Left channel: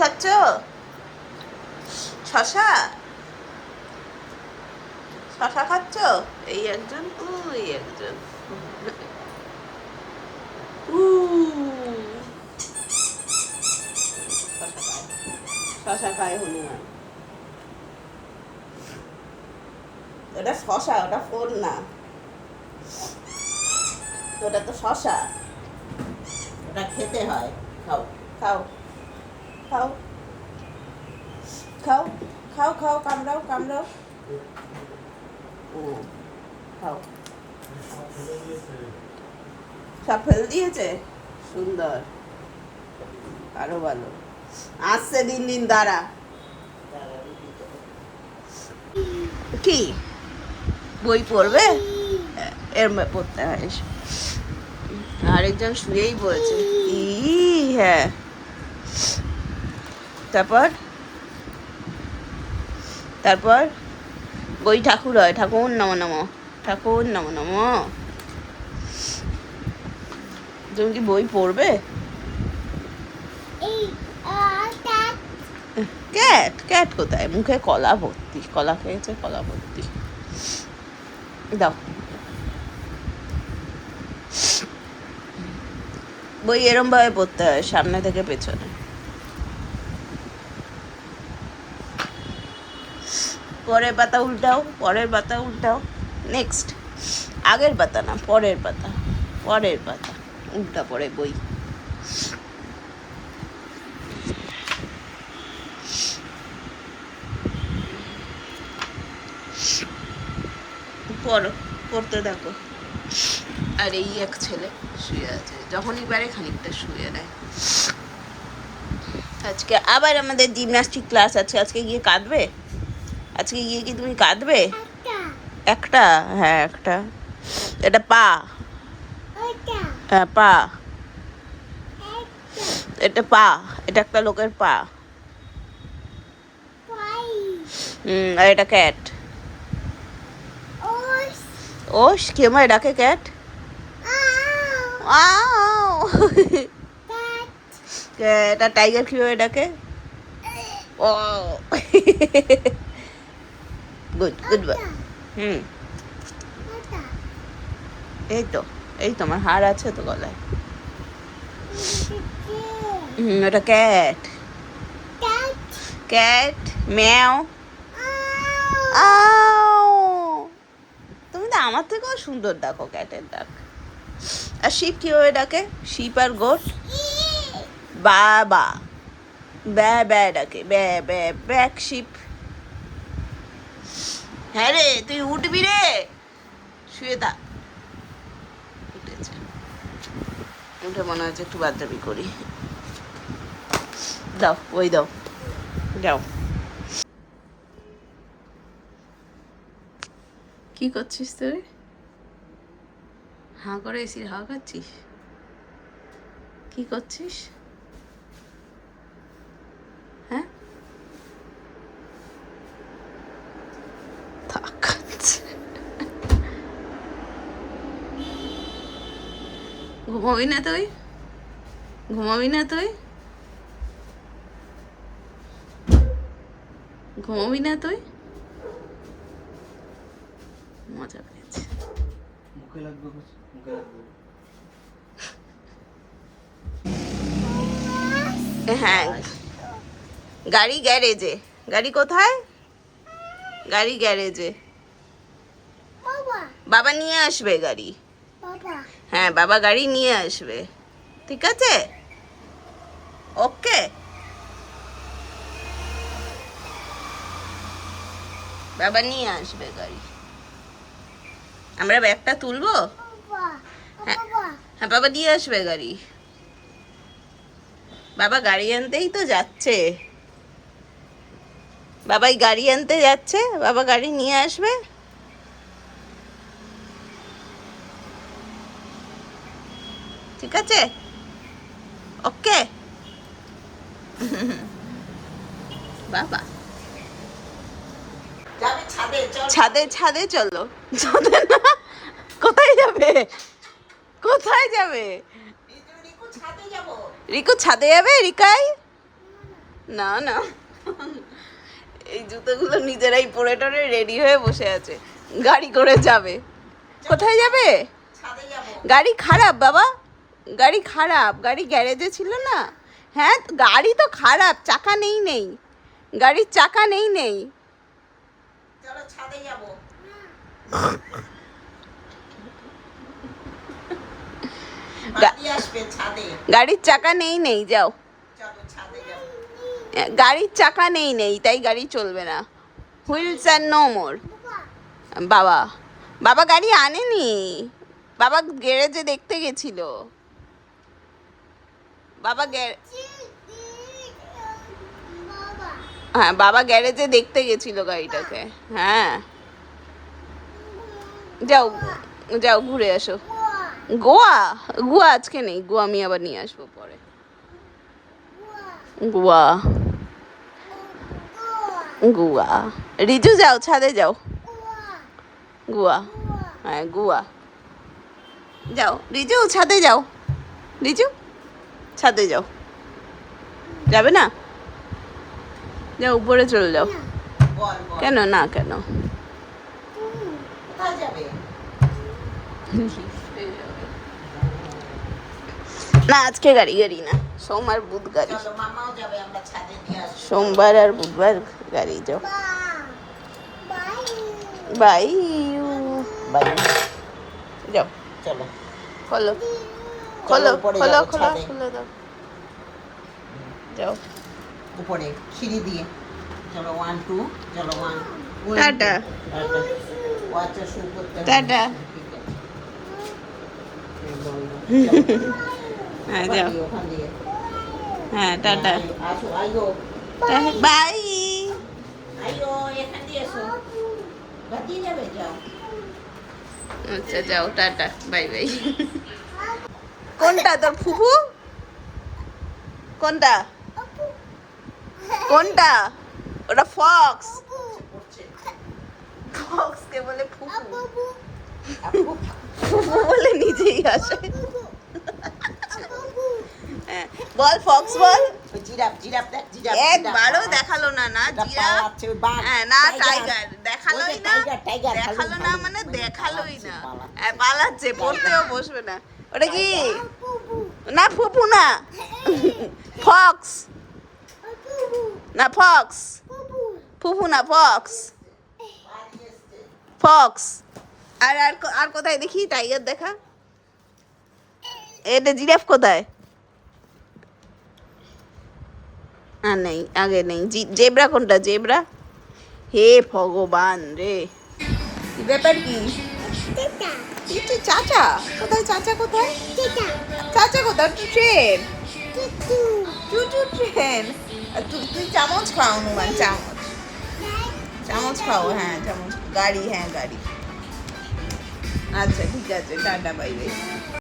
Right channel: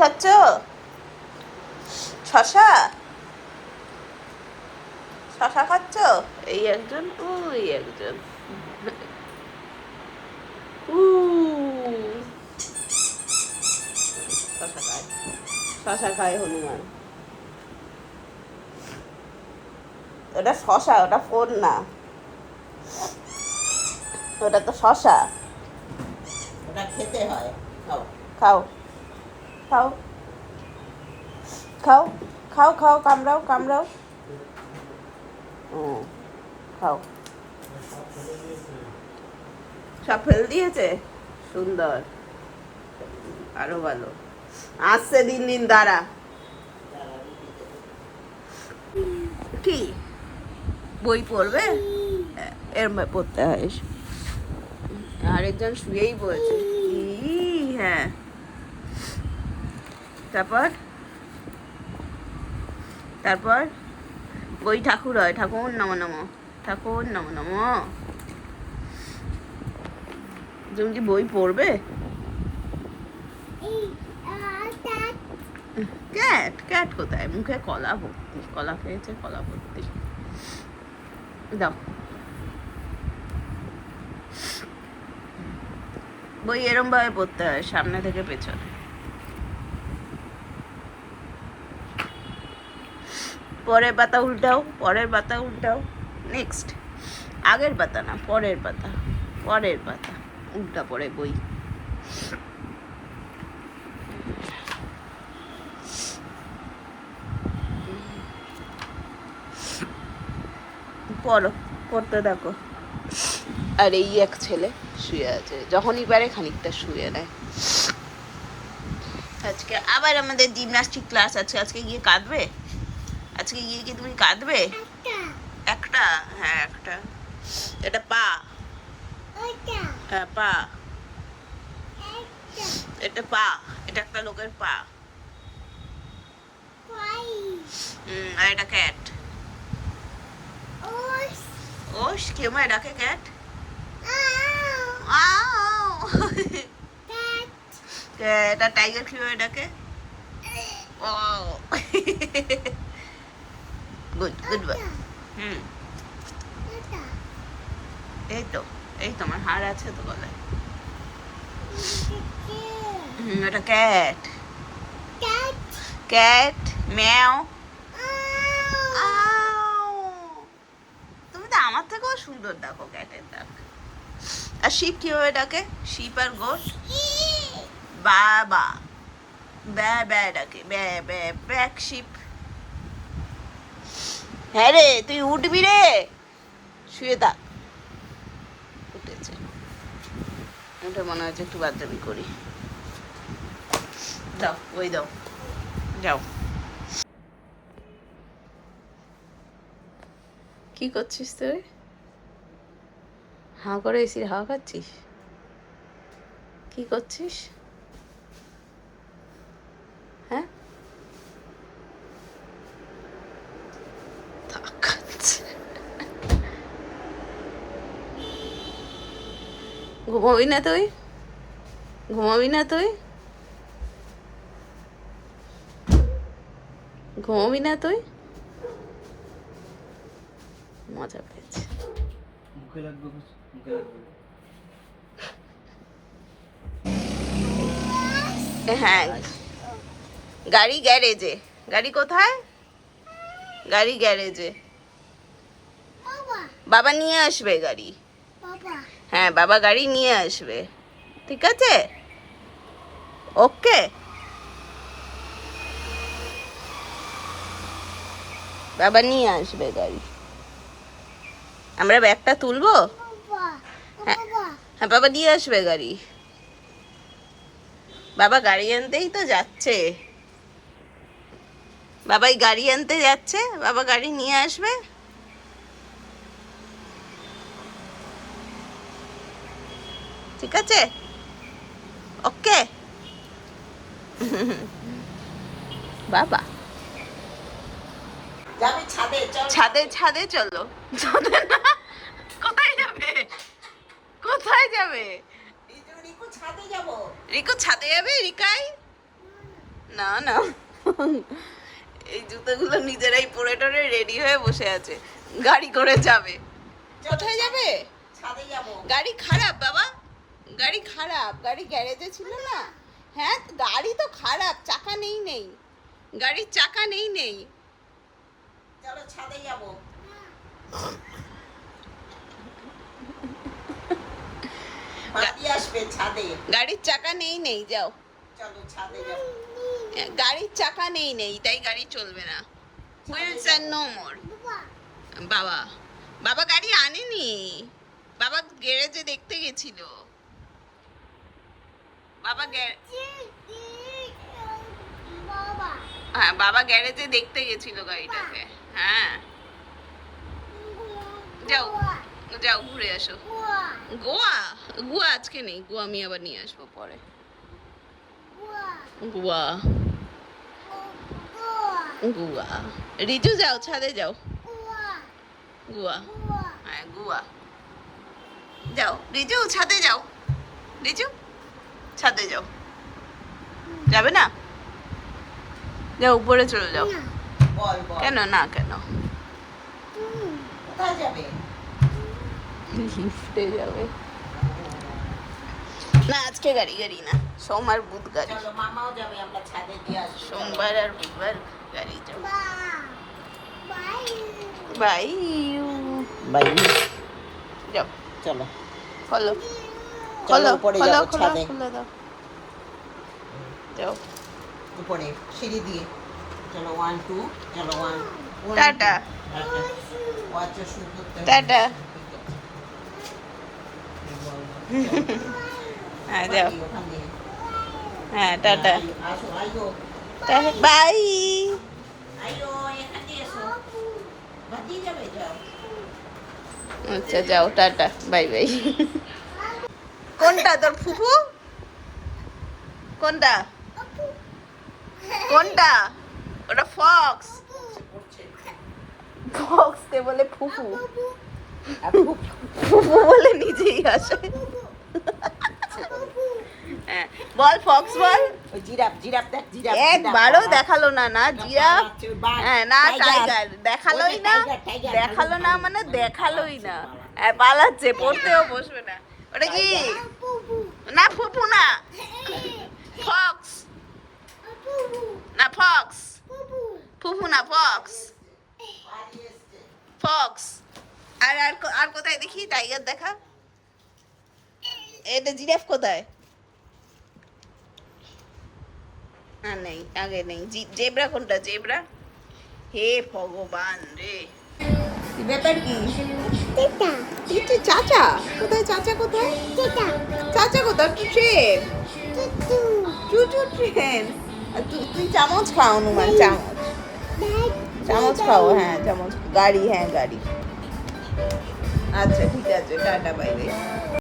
খাচ্ছ? শশা শশা খাচ্ছ? এই একজন, ওই একজন। শশা খায়, শশা খায় হনুমান। ওটা শশা, ওটা ফোন না, ওটা তো শশা, ওটা খেতে হয়। খাও খাও খাও খাও খাও খাও, কামড়াও কামড়াও। খাও। সব ফেলে দিয়েছে, সুন্দর, আরো ভালো। আসছে দিন দিন, দাঁড়া। কি বই পড়বে? এর পড়তে হয়। আরেকজন শুয়েই পড়েছে। হ্যাঁ, তারপর তারপর বই ঠাকুর হয়। ঠাকুর নম নম, ঠাকুর নম নম। তুমি কি বই পড়বে? ক্যাট, ক্যাট কোথায়? মুখে কলা ভর্তি, কলা খেয়েছে, কলা ভর্তি। দাও বই, এরম ভাবে পড়তে হয়, সামনে থেকে পেছনে। পরের পাতা উল্টাও, পরের পাতা উল্টাও। নেক্সট, আগের পাতা না, পরের পাতা, পরের পাতা উল্টা পড়ে বই। পড়ো, পড়তে থাকো। আর এই এক ছেলে শুয়ে আছে, যখনই পারে খানিকটা শুয়ে নেয়। আজকে আবার আমাদের জিমনাস্টিক ক্লাস আছে। আজকে গিয়ে কাঁদবে? আজকে গিয়ে কি তুমি কাঁদবে? একটা, হ্যাঁ একটা। এটা পা, হ্যাঁ পা, এটা পা, এটা একটা লোকের পা। আর এটা ক্যাট। ওস কেমন ডাকে ক্যাট? এটা টাইগার কিভাবে ডাকে? ও গুড গুড বয়। এই তো, এই তো আমার হার আছে তো গলায়। এটা ক্যাট, ক্যাট ম্যাও। তুমি তো আমার থেকেও সুন্দর ডাকো ক্যাটের ডাক। আর শিপ কিভাবে ডাকে? শিপ আর গোট বাবা, ব্যা ব্যা ডাকে, ব্যা ব্যা, ব্যাক শিপ। হ্যাঁ রে, তুই উঠবি রে, শুয়ে থাক। উঠেছে, উঠে মনে হচ্ছে একটু বাদদামি করি। দাও ওই দাও, যাও। কি করছিস তুই? হাঁ করে এসির হাওয়া খাচ্ছিস? কি করছিস? হ্যাঁ, ঘুমাবি না তুই? ঘুমাবি না তুই? ঘুমাবি না তুই? মজা পেয়েছে। হ্যাঁ, গাড়ি গ্যারেজে। গাড়ি কোথায়? গাড়ি গ্যারেজে। বাবা নিয়ে আসবে গাড়ি। হ্যাঁ, বাবা গাড়ি নিয়ে আসবে, ঠিক আছে? ওকে, বাবা নিয়ে আসবে গাড়ি। আমরা ব্যাগটা তুলবো? হ্যাঁ হ্যাঁ, বাবা দিয়ে আসবে গাড়ি। বাবা গাড়ি আনতেই তো যাচ্ছে, বাবাই গাড়ি আনতে যাচ্ছে, বাবা গাড়ি নিয়ে আসবে। ঠিক আছে, ওকে। বাবা ছাদে, ছাদে চলো। ছাদে না, কোথায় যাবে? কোথায় যাবে? রিকু ছাদে যাবে? রিকাই না না, এই জুতোগুলো নিজেরাই পরে টরে রেডি হয়ে বসে আছে, গাড়ি করে যাবে। কোথায় যাবে? গাড়ি খারাপ বাবা, গাড়ি খারাপ, গাড়ি গ্যারেজে ছিল না। হ্যাঁ গাড়ি তো খারাপ, চাকা নেই, গাড়ির চাকা নেই। চলো ছাদে যাবো। আসবে ছাদে, গাড়ির চাকা নেই, যাও। চলো ছাদে যাবো। গাড়ির চাকা নেই, তাই গাড়ি চলবে না। Wheels and no more. বাবা, বাবা গাড়ি আনেনি, বাবা গ্যারেজে দেখতে গেছিল। বাবা হ্যাঁ, বাবা গ্যারেজে দেখতে গেছিল গাড়িটাকে। হ্যাঁ যাও যাও, ঘুরে আসো। গোয়া, গোয়া আজকে নেই, গোয়া আমি আবার নিয়ে আসবো পরে। গোয়া, গোয়া। রিজু যাও, ছাদে যাও। গোয়া, হ্যাঁ গোয়া যাও। রিজু ছাদে যাও, রিজু ছাদে যাও। যাবে না? যাও উপরে চলে যাও। বল বল, কেন না, কেন? কোথায় যাবে? লিফটে যাবে না, আজকে গাড়ি না, সোমবার বুধ গাড়ি। চলো মামাও যাবে, আমরা ছাদে দিয়ে আসবো। সোমবার আর বুধবার গাড়ি যাও। বাই বাই, যাও। চলো খোলো খোলো উপরে খোলো যাবো, খোলো ছাদে। খোলো দাও, যাও। উপরে সিঁড়ি দিয়ে চলো। 1 2, চলো 1 টাটা। ওয়াচটা শুরু করতে হবে। টাটা। ঠিক আছে। বল, হ্যাঁ যাও। ওখান দিয়ে হ্যাঁ টাটা। আসো, আইগো বাই। আইগো, এখান দিয়ে এসো। বাদি যাবে, যাও। আচ্ছা যাও, টাটা, বাই বাই। কোনটা তোর ফুফু? কোনটা কোনটা? ওটা ফক্স। ফক্স কে বলে ফুফু, ফুফু বলে নিজেই আসে। হ্যাঁ বল, ফক্স বল। ওই জিরাফ, জিরাফ দেখ, জিরাফ। একবারও দেখালো না, না এটা জিরাফ, পালাচ্ছে, ওই বাঘ, হ্যাঁ না টাইগার। টাইগার, দেখালোই ওই যে না, টাইগার, টাইগার, দেখালো খালি না ভালো, মানে মানে দেখালোই পালাচ্ছে, না। পালাচ্ছে। হ্যাঁ পালাচ্ছে, পড়তেও বসবে না। ওটা কি? না ফুপু না, ফক্স না, ফক্স। ফুফু না, ফক্স, ফক্স। আর আর আর কোথায় দেখি টাইগার দেখা? এটা জিরাফ কোথায়? নেই, আগে নেই। জেব্রা কোনটা? জেব্রা, হে ভগবান রে, ব্যাপার কি? চাচা কোথায়? চাচা কোথায়? চাচা কোথায়? Train, Tutu train. তুই চামচ খাও হনুমান, চামচ, চামচ খাও। হ্যাঁ চামচ। গাড়ি, হ্যাঁ গাড়ি। আচ্ছা ঠিক আছে, টাটা, বাই বাই।